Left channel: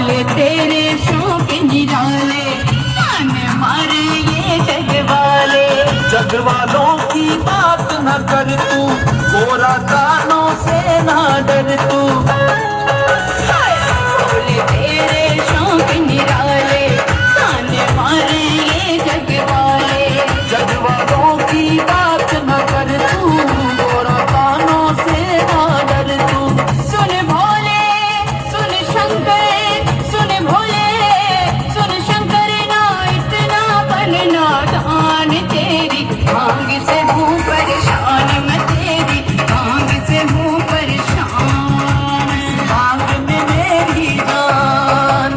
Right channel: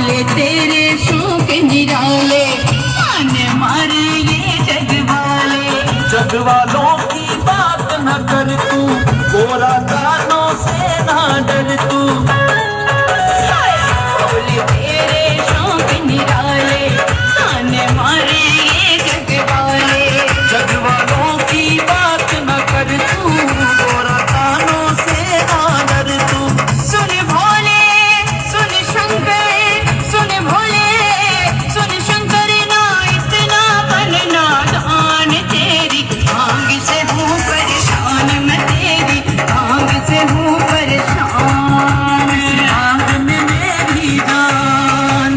भोले तेरे शौक निराले, जाने मारे ये जग वाले। जग वालों की बात न कर तू, गोरा कानों से ना डर तू। भोले तेरे शौक निराले, जाने मारे ये जग वाले। जग वालों की बात न कर तू, गोरा कानों से ना डर तू। सुन भोले सुन शंकर, सुन भोले सुन शंकर, ना इतना बनना दान तेरी भांग से हूँ परेशान, मैं तेरी भांग से हूँ परेशान। भांग में मेरी जान,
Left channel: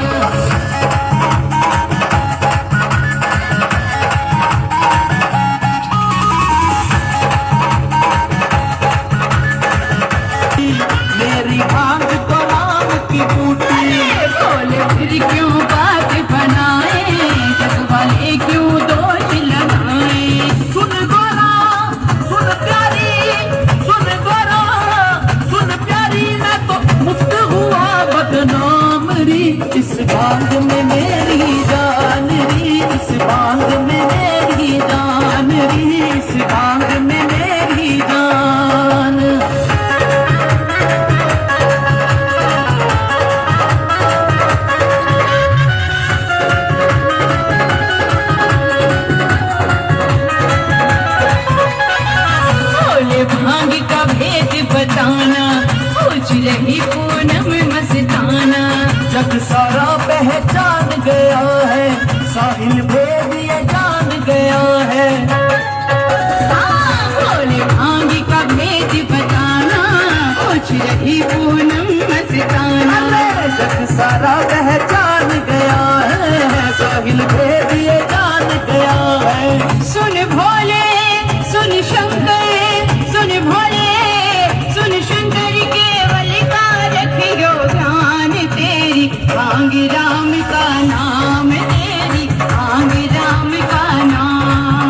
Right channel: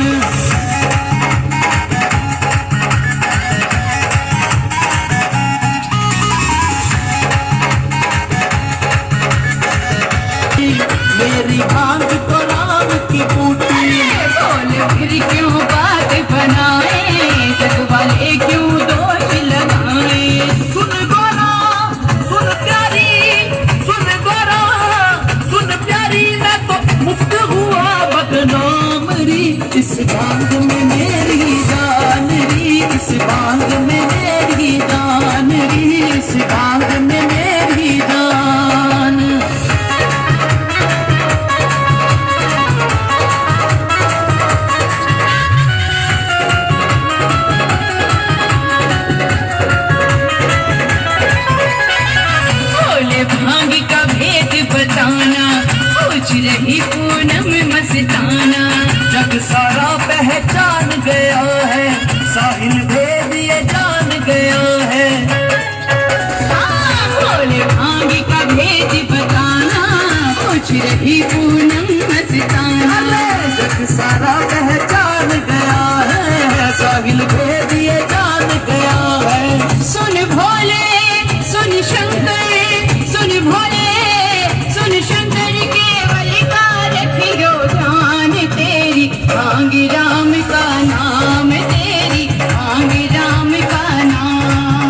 मेरी भांग तो राम की बूटी। भोले फिर क्यों बात बनाए, जग वाले क्यों दोष लगाए। सुन गोरा सुन प्यारी, सुन गोरा सुन प्यारी, मैं तो मुक्त हुआ बदनाम री। इस भांग में मेरी जान री, इस भांग में मेरी जान री, इस भांग में मेरी जान। भोले भांग का भेद बताना, पूछ रही पूनम मस्ताना। जग सारा पहचान गया है, साहिल भेद ये जान गया है। भोले भांग का भेद बताना, पूछ रही पूनम मस्ताना। जग सारा पहचान गया है, साहिल भेद ये जान गया है। सुन भोले सुन शंकर, सुन भोले सुन शंकर, केवल का रखियो ध्यान तेरी भांग राम का नाम, तेरी भांग राम का नाम।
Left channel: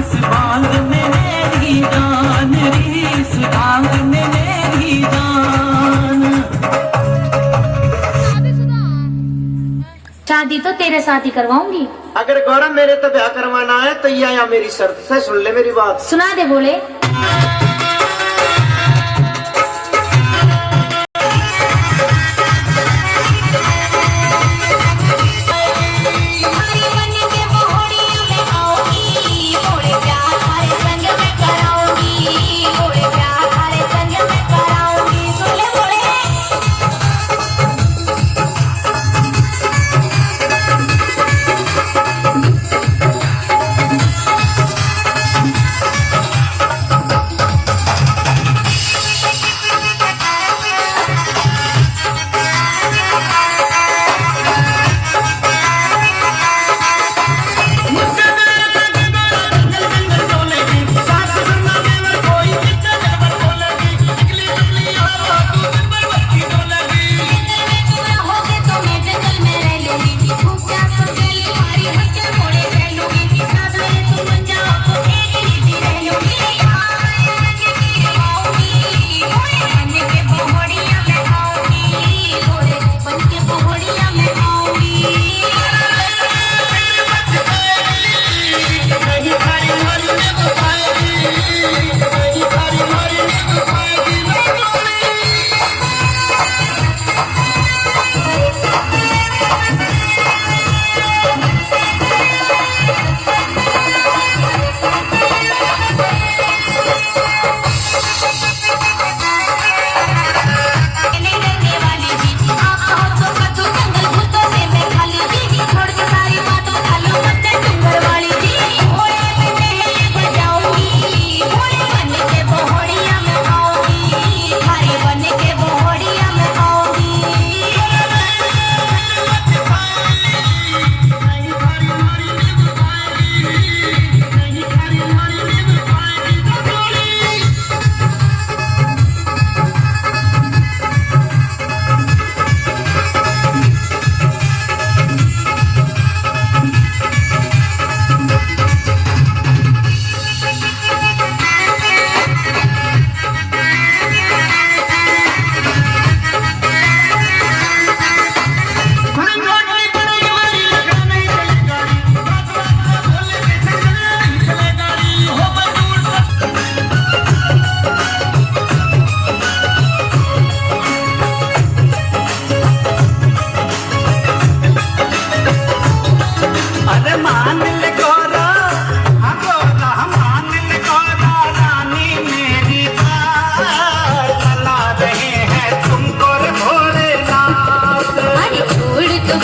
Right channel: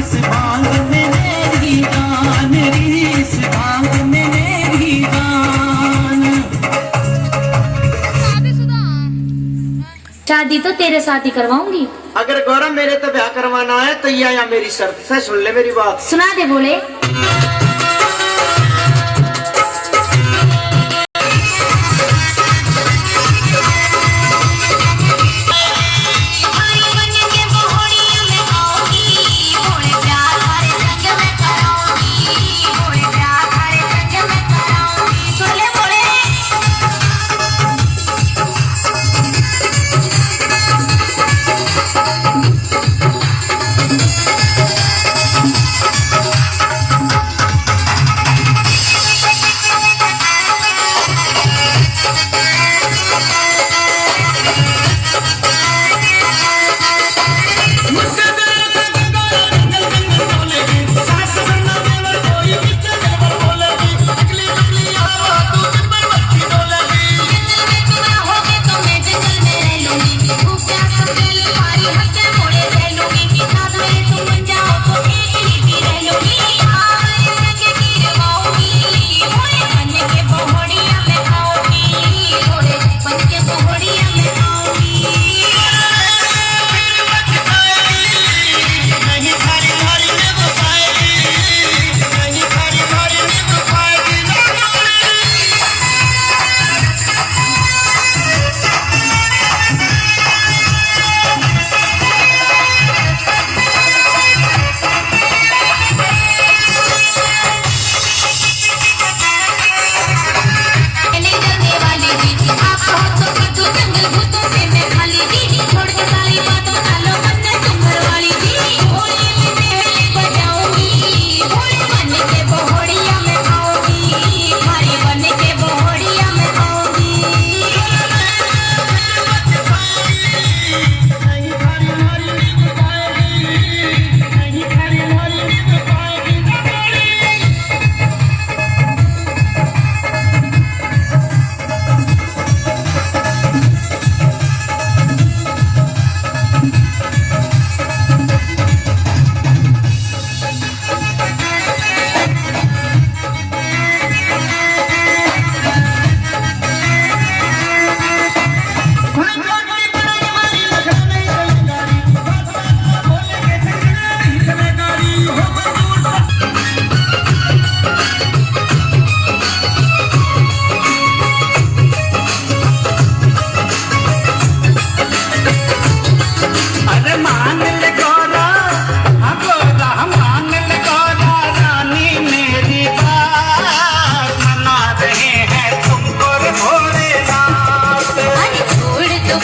इस भांग में मेरी जान री, इस भांग में मेरी जान। शादी तो तेरे साथ ही करवाऊंगी। अगर गौरव मेरे तो ब्याह करवाना है तो ये या मेरी शर्त से सुन ले मेरी बात। सुना दे बोले।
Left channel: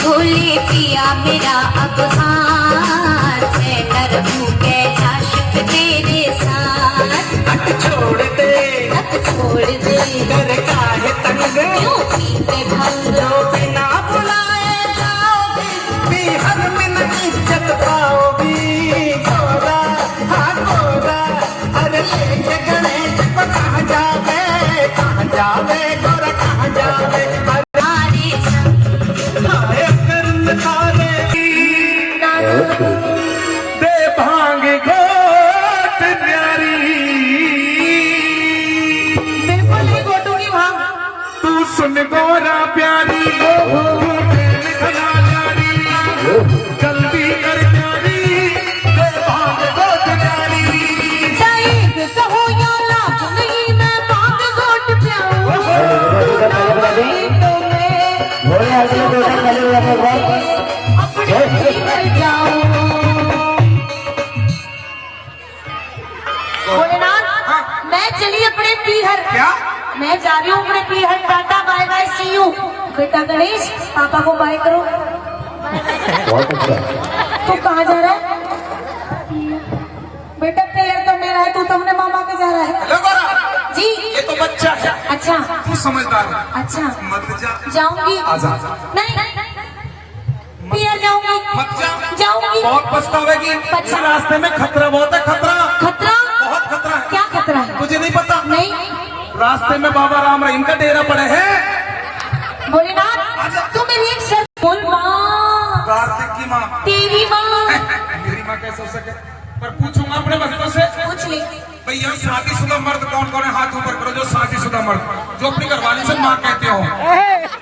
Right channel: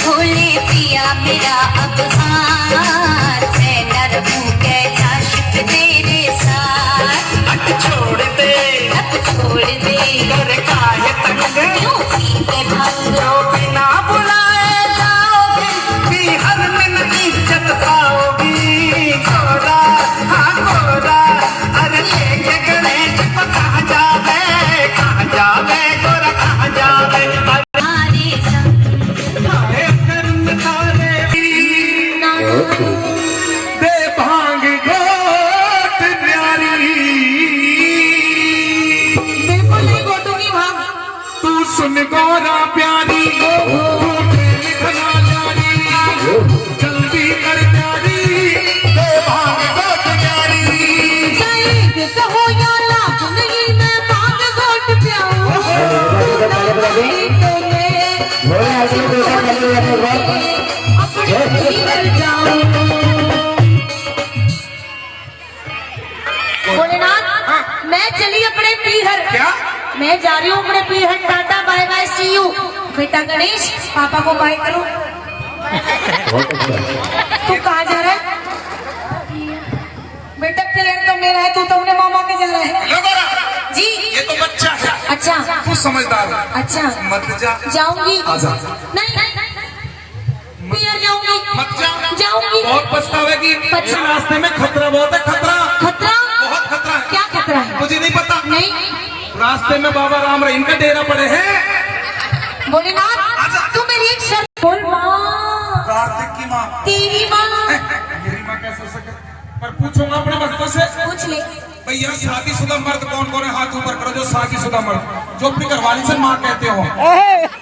भोले पिया मेरा अब हाथ मैं न रहूं कैसा शिप तेरे साथ हट छोड़ दे हट छोड़ दे कर काहे तंग क्यों पीते भंग जो बिना बुलाए जाओगी बिहर में न इज्जत पाओगी गोरा हाँ गोरा अरे लेके गणेश को कहाँ जावे गोरा कहाँ जावे हमारे संग हाय कर्म तारे दे भांग घोट प्यारी बिल्कुल नहीं घोटूंगी भांग। तू सुन गोरा प्यारी घोटे लिखना जारी जल्दी कर प्यारी दे भांग घोट प्यारी शहीद कहो या लाख नहीं मैं भांग घोट प्याऊं। अपने भीतर जाऊं। भोलेनाथ मैं चली अपने पीहर। क्या मैं जा रही हूँ अपने पीहर। Tata bye bye see you. बेटा गणेश पापा को बाय करो। तू कहाँ जा रहा है बेटा? पीहर तो मेरा है, तू तो अपने मामा के जा रहा है। हेलो गोरा जी ये तो बच्चा है अच्छा तू समझदार है अच्छा मत जा जाऊंगी। आजा नहीं पीहर जाऊंगी। मत जा जाऊंगी। बहुत पछतावेगी अच्छा। इस रास्ते में खतरा बहुत है खतरा खतरा? बहुत खतरा है क्या खतरा है? मुझे नहीं पता नहीं रास्ते में बाबा राम रहीम का डेरा पड़े हैं भोलेनाथ तू मेरी एक शर्त बोल। माँ कार्तिक की माँ तेरी माँ मेरी माँ कैसे हो सके पर पूछूंगा अपने भक्तों से पूछ ले। भैया शादीशुदा मर्द कौन कौन है हाथ ऊपर करो जो शादीशुदा मर्द जो अपनी घरवाली से माँ कहते हो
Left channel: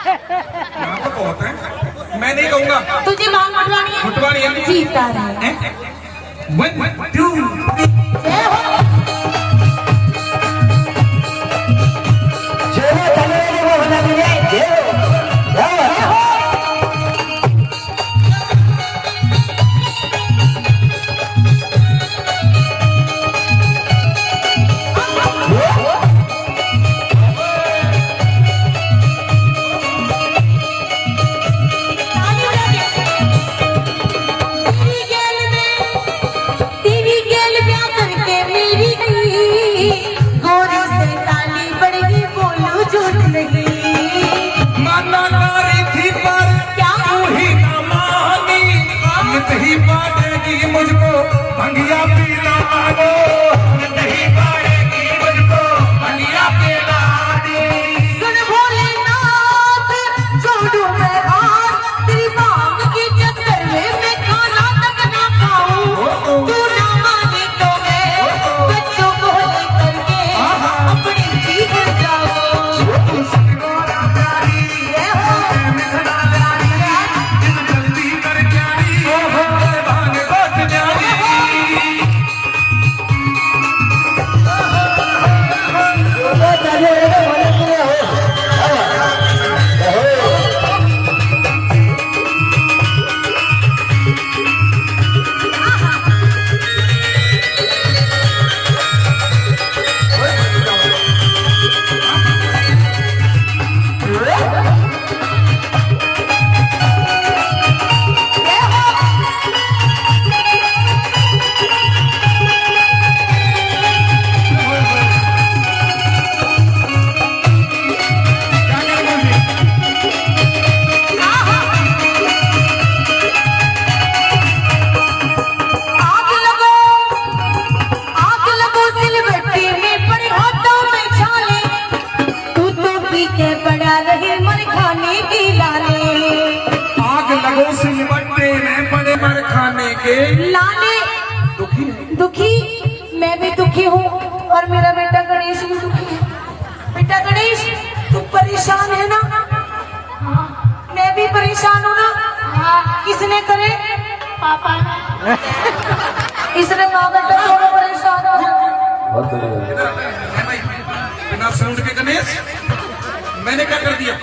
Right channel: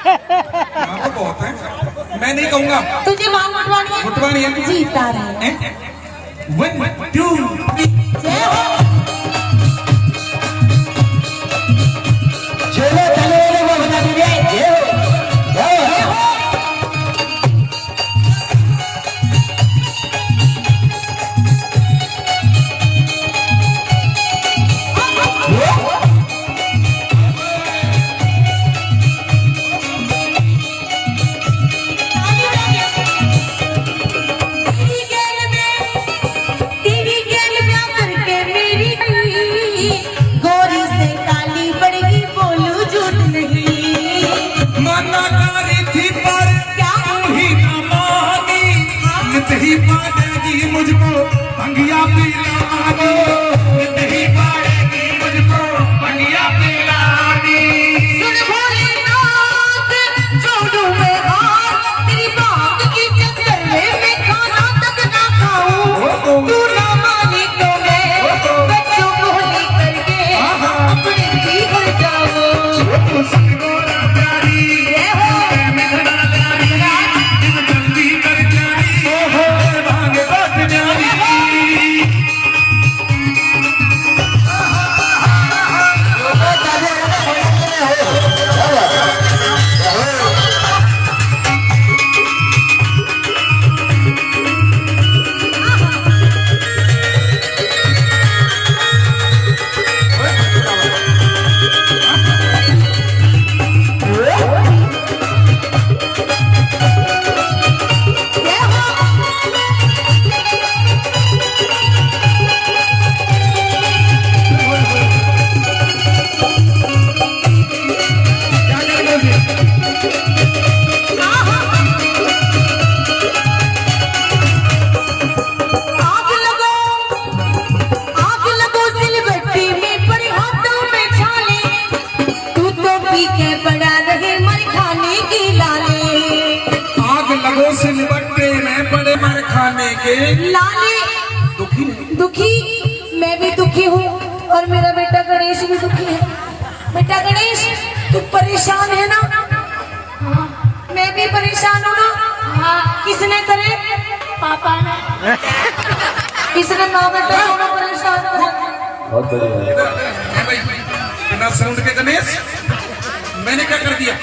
यहाँ तो बहुत है मैं नहीं कहूंगा तुझे मांग उठवानी है? उठवानी है जीता रहे। 1 2 जय हो। तेरी गेल ब्याह करके मेरी की गोरी से काली बड़गी बोलू झूठ नहीं। मना कारी थी पर क्या तू ही ना मानी नित ही पाएगी मुझको भंगिया पिलानी नित ही पाएगी मुझको भंगिया पिलानी सुन भोलेनाथ छोड़ू मैं हाथ तेरी मांग के चक्कर में मैं खाना तक ना खाऊं। तू ना मानी तो मैं बच्चों को लेकर के अपने घर जाऊं। सतगुरु प्यारी मिलना लारी जिन जल्दी कर प्यारी भांग बहुत प्यारी आग लगो सिलबट्टी में पर हाथों में छाले। तू तो पी के पड़ा रहे मर खाने की लाले। आग लगो सिलबट्टे में बड़े मर खाने के लाले दुखी नहीं दुखी मैं भी दुखी हूँ और मेरा बेटा गणेश भी दुखी है। बेटा गणेश तू परेशान है ना? मैं भी परेशान हूँ ना? किसने करे? पापा ने। इसने नौ बेटा दोनों परेशान हो रहे हैं। बिना साउंड के गणेश मैंने क्या कर दिया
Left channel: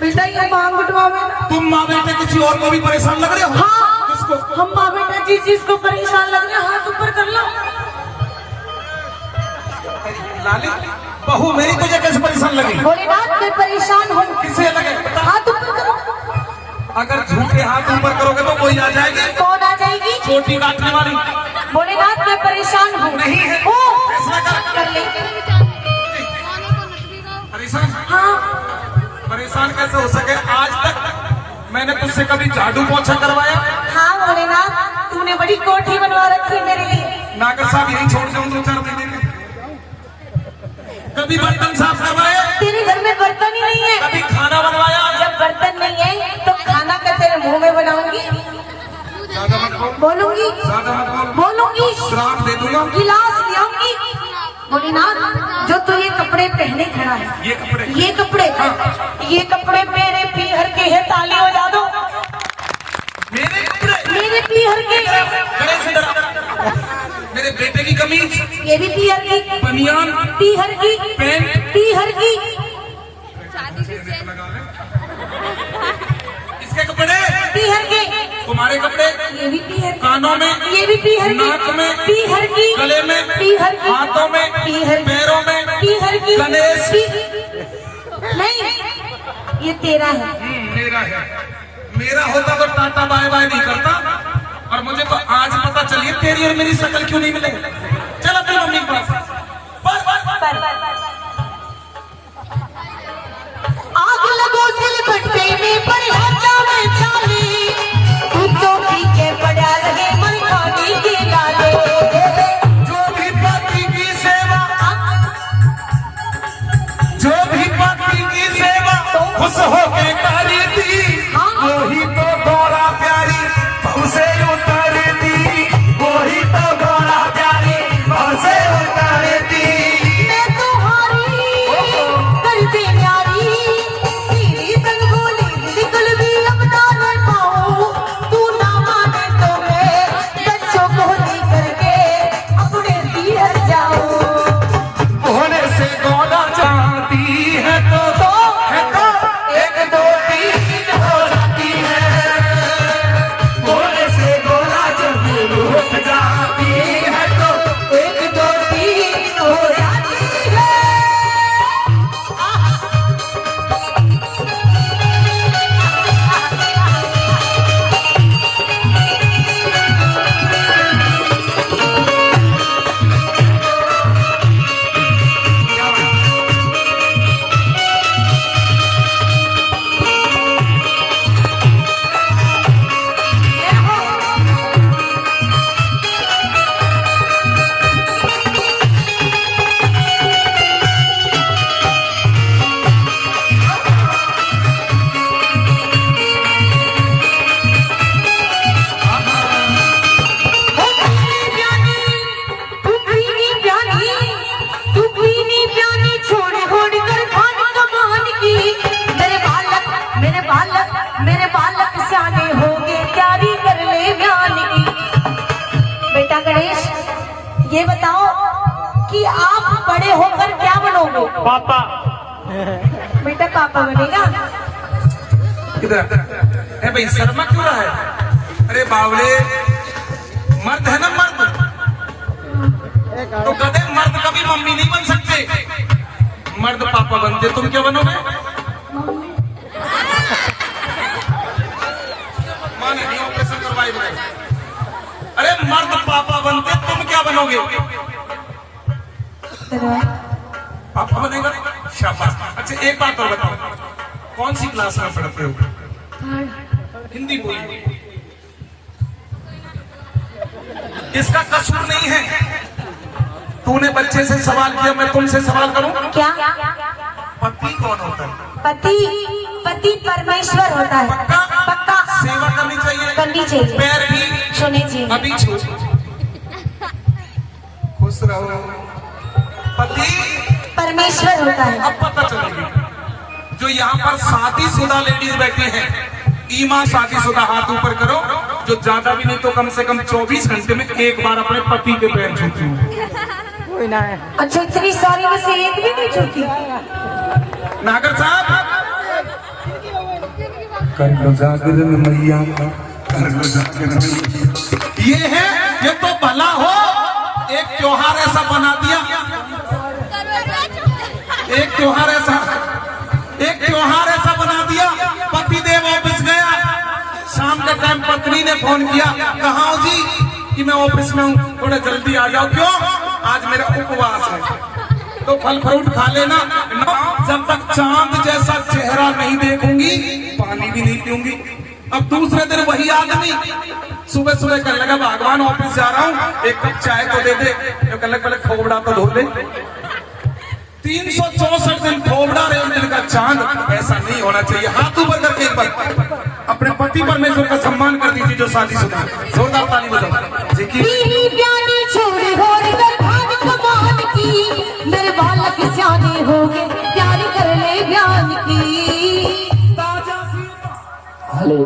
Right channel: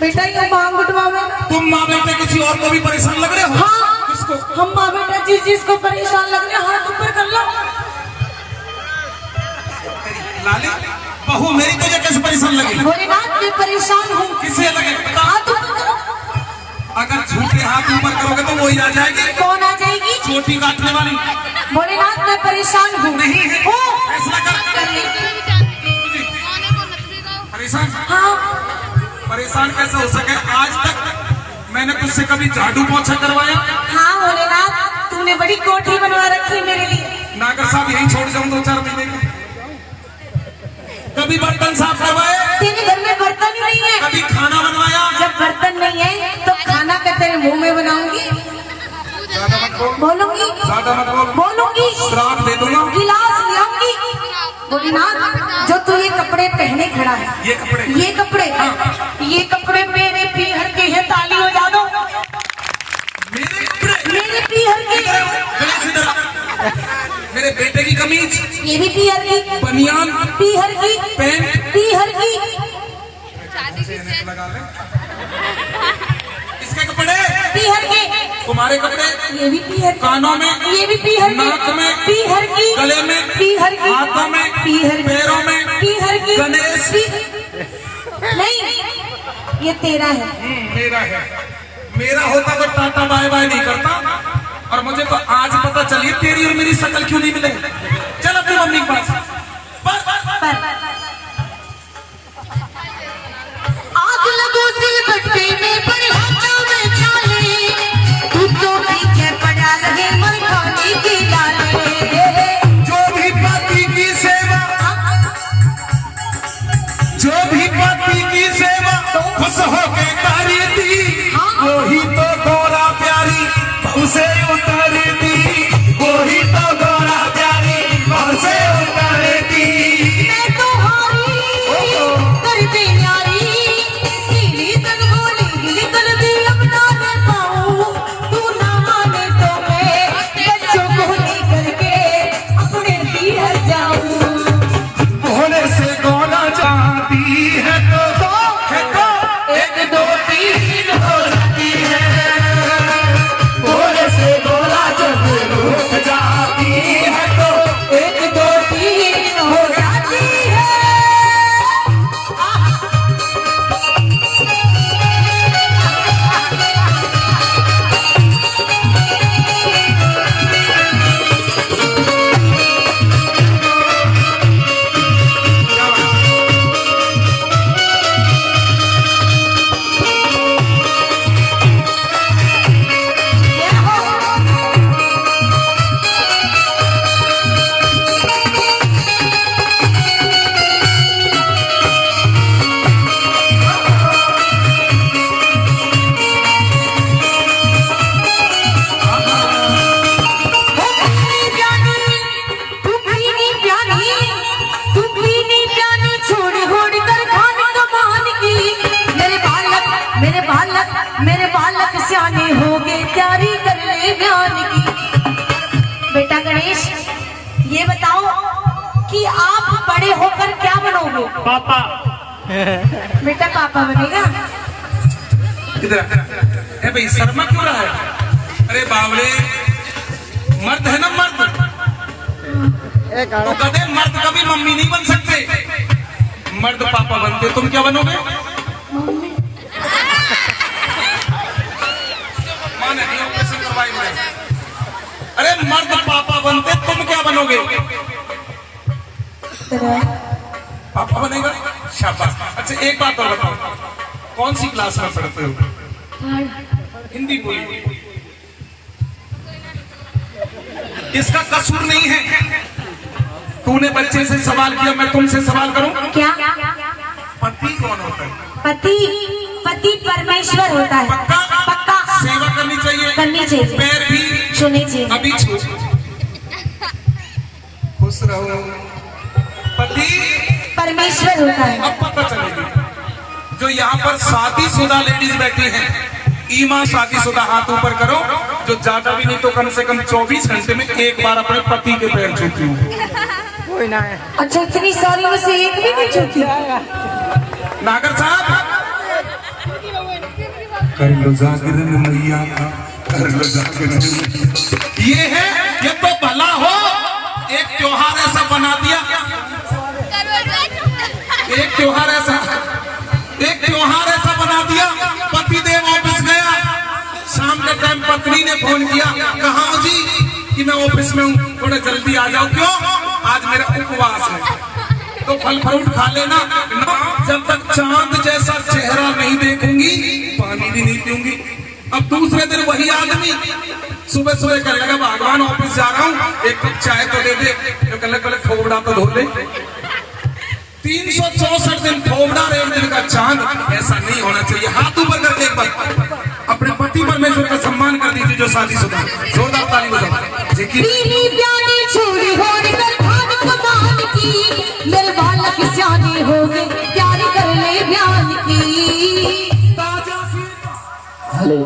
बेटा ये मांग उठवावे। तुम माँ बेटे किसी और को भी परेशान लग रहे हो हाँ किसको हम माँ बेटा जिसको परेशान लग रहे हैं हाथ ऊपर कर लो। लाली बहू मेरी तुझे कैसे परेशान लगी भोलेनाथ मैं परेशान हूँ। किसे लगे बता हाथ ऊपर करो। अगर झूठे हाथ ऊपर करोगे तो वही आ जाएगी, कौन आ जाएगी? चोटी काटने वाली। भोलेनाथ मैं परेशान हूँ। नहीं है। हूँ। ऐसा कर ले। परेशान? हाँ परेशान कैसे हो सके? आज तक मैंने तुझसे कभी झाड़ू पोछा करवाया? हाँ भोलेनाथ, तूने बड़ी कोठी बनवा रखी है मेरे लिए। नागर साहब यही छोड़ जाऊं 2-4 महीने के। कभी बर्तन साफ करवाए? तेरे घर में बर्तन ही नहीं है। कभी खाना बनवाया? जब बर्तन नहीं है तो खाना का तेरे मुंह में बनाऊंगी, ज्यादा मत बोल, बोलूंगी, ज्यादा मत बोल, बोलूंगी, श्राप दे दूंगा। गिलास ले आऊंगी। भोलेनाथ, जो तू ये कपड़े पहने खड़ा है, ये कपड़े ये कपड़े मेरे पीहर के हैं, ताली बजा दो। मेरे कपड़े? मेरे पीहर के हैं। खड़े से जरा। मेरे बेटे की कमीज, ये भी पीहर की, बनियान, पीहर की, पैंट, पीहर की। इसके कपड़े पीहर के। तुम्हारे कपड़े? ये भी पीहर की। कानों में? ये भी पीहर की। नाक में? पीहर की। गले में? पीहर की। हाथों में? पीहर की। पैरों में? पीहर की। गणेश? नहीं, ये तेरा है। मेरा है। मेरा होता तो टाटा बाय बाय नहीं करता, और मुझे तो आज पता चली तेरी और मेरी शक्ल क्यों नहीं मिलेगी। चल अपनी मम्मी के पास। पर आग लगो सिलबट्टे में पर हाथों में छाले, तू तो पीछे पड़ा लगे मन खाटी के डाले। जो भी पति की सेवा, जो भी पति की सेवा खुश होके करी थी, वही तो डोरा प्यारी उसे उतार दी, वही तो डोरा प्यारी उसे उतार दी। मैं तुम्हारी करते न्यारी, सीधी तन बोली बिल्कुल भी अब ना कर पाऊं, तू ना माने तो मैं बच्चों को लेकर के अपने पीहर जाऊं। घोड़े से गोला चाहती है तो एक दो तीन हो जाती है, घोड़े से गोला जब रुक जाती है तो एक दो तीन हो जाती है। मेरे बालक सियाने हो गए, तैयारी कर ले ब्याह की। बेटा गणेश, ये बताओ कि आप बड़े होकर क्या बनोगे? पापा। बेटा पापा बनेगा। इधर है भाई, शर्मा क्यों रहा है? अरे बावले, मर्द है ना मर्द, तो कदे मर्द कभी मम्मी नहीं बन सकते, मर्द पापा बनते। तुम क्या बनोगे? माने नहीं ऑपरेशन करवाई मैंने। अरे मर्द पापा बनते, तुम क्या बनोगे? पापा बनेगा? शाबाश। अच्छा एक बात और बताओ, कौन सी क्लास में पढ़ते हो? हिंदी बोली। इसका कसूर नहीं है। तूने बच्चे से सवाल किया, मैं तुमसे सवाल करूं? क्या? पति कौन होता है? पति परमेश्वर होता है। पक्का सेवा करनी चाहिए, करनी चाहिए, पैर भी छूने चाहिए, कभी छू। खुश रहो। पति परमेश्वर होता है। अब पता चलेगी। जो यहाँ पर शादीशुदा लेडीज बैठी हैं, ईमा शादीशुदा हाथ ऊपर करो, जो ज्यादा भी नहीं तो कम से कम 24 घंटे में एक बार अपने पति के पैर छूती हूँ। कोई ना है। अच्छा, इतनी सारी में से एक भी नहीं छूती? नागर साहब, कर लो जागरण मैया का, कर लो जागरण। ये है, ये तो भला हो, एक त्योहार ऐसा बना दिया, एक त्योहार ऐसा बना दिया, पतिदेव ऑफिस गया, किया, कहाँ हो जी? कि मैं ऑफिस में हूँ, थोड़ा जल्दी आ जाओ। क्यों? आज मेरा उपवास है, तो फल फ्रूट खा लेना। जब तक चांद जैसा चेहरा नहीं देखूंगी पानी भी नहीं पीऊंगी। अब दूसरे दिन वही आदमी सुबह सुबह कर लगा, भगवान ऑफिस जा रहा हूँ, एक कप चाय तो दे दे, तो कल खोबड़ा तो धो ले। 364 दिन खोबड़ा और एक दिन का चांद, ऐसा नहीं होना चाहिए। हाथ ऊपर करके एक बार अपने पति परमेश्वर का सम्मान कर दीजिए जो शादीशुदा। जोरदार ताली बजाओ। देखिए पीली प्याली छोड़ी होड़ कर भाग कमान की, मेरे बालक सियाने हो गए, प्यारी कर ले बयान की। हेलो